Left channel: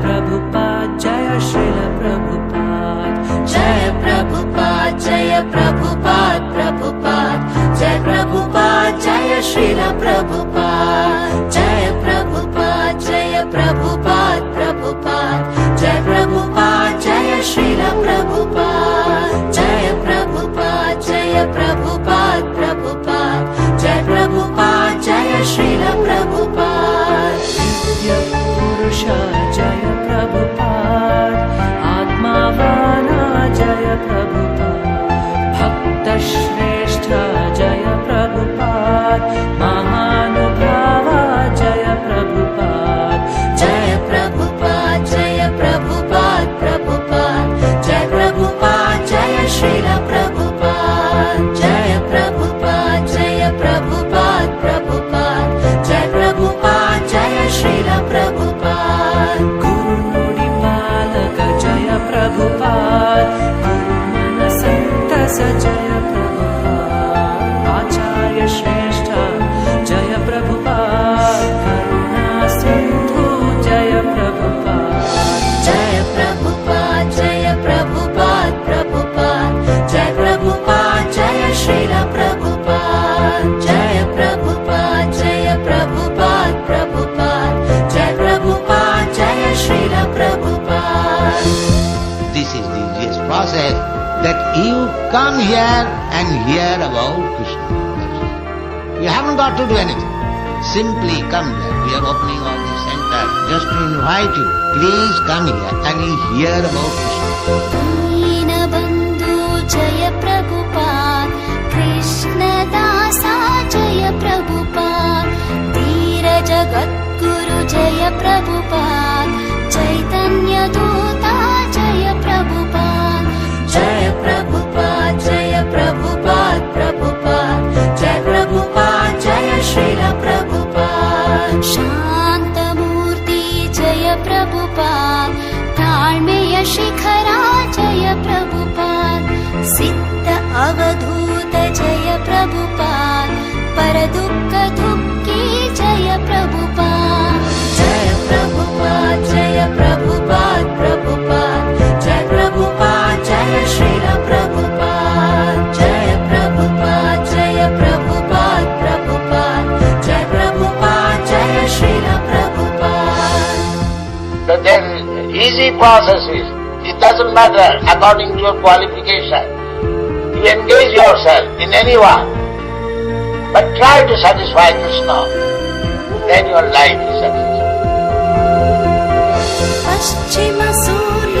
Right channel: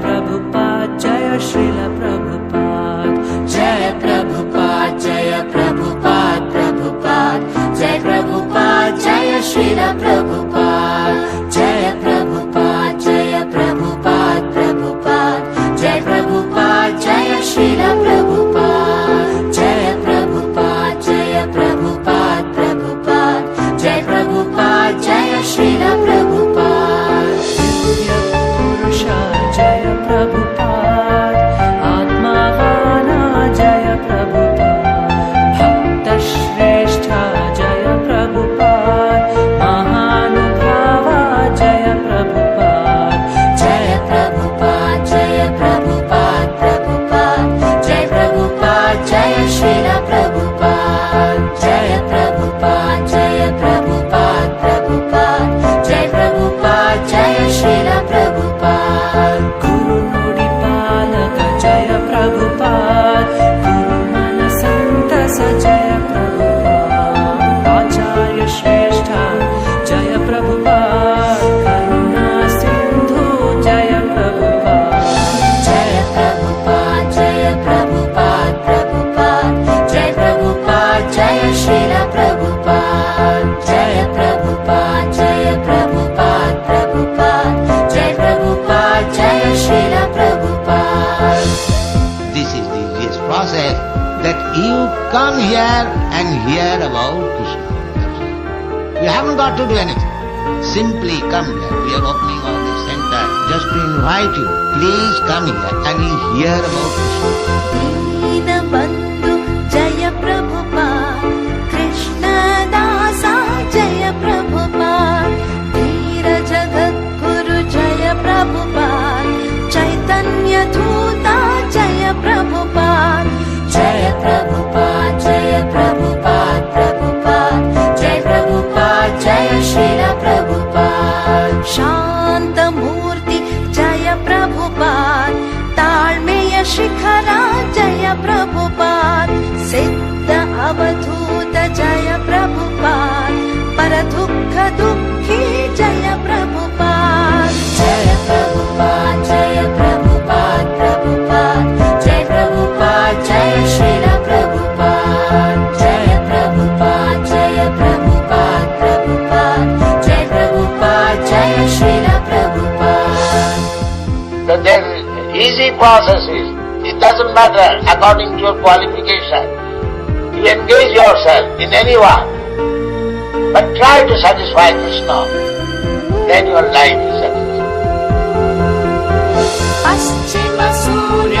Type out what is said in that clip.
Prabhupada, Jaya Srila Prabhupada, Jaya Prabhupada, Jaya Prabhupada, Prabhupada, Jaya Prabhupada, Jaya Srila Prabhupada, Jaya Prabhupada, Jaya Prabhupada, Prabhupada, Jaya Prabhupada, Jaya Srila Prabhupada, Jaya Prabhupada, Jaya Prabhupada, Prabhupada, Jaya Prabhupada, Jaya Srila Prabhupada. Divya Purusha Jaya Prabhupada, Atmavana Jaya Prabhupada, Bhakta Shrestha Jaya Prabhupada, Mahanubhava Jaya Prabhupada, Jaya Prabhupada, Jaya Prabhupada, Prabhupada, Jaya Prabhupada, Jaya Srila Prabhupada, Jaya Prabhupada, Jaya Prabhupada, Prabhupada, Jaya Prabhupada, Jaya Srila Prabhupada. Guru Nudi Palaka Jaya Prabhupada, Guru Mana Santasa Jaya Prabhupada, Acharya Shrestha Jaya Prabhupada, Karuna Sindhu Jaya Prabhupada, Jaya Prabhupada, Jaya Prabhupada, Prabhupada, Jaya Prabhupada, Jaya Srila Prabhupada, Jaya Prabhupada, Jaya Prabhupada, Prabhupada, Jaya Prabhupada, Jaya Srila Prabhupada. This is the easiest process, that you come here and hear about Krishna. You haven't got to do anything. Simply come here. We are opening all this center just to invite you. Please come here and hear about Krishna. Deenabandhu Jaya Prabhupada, Krishna Dasa Jaya Prabhupada, Veera Jagadguru Jaya Prabhupada, Chaitanya Dutta Jaya Prabhupada, Jaya Prabhupada, Jaya Prabhupada, Prabhupada, Jaya Prabhupada, Jaya Srila Prabhupada. Shantamurti Jaya Prabhupada, Talmeya Shikhara Jaya Prabhupada, Siddha Avadhuta Jaya Prabhupada, Paradukka Dukhi Jaya Prabhupada. Jaya Prabhupada, Jaya Prabhupada, Prabhupada, Jaya Prabhupada, Jaya Srila Prabhupada, Jaya Prabhupada, Jaya Prabhupada, Prabhupada, Jaya Prabhupada, Jaya Srila Prabhupada. So there is easy processes. It doesn't matter according to your qualification. You engage yourself in anyone, but try to satisfy Krishna. Then your life is satisfied. Paschima Surya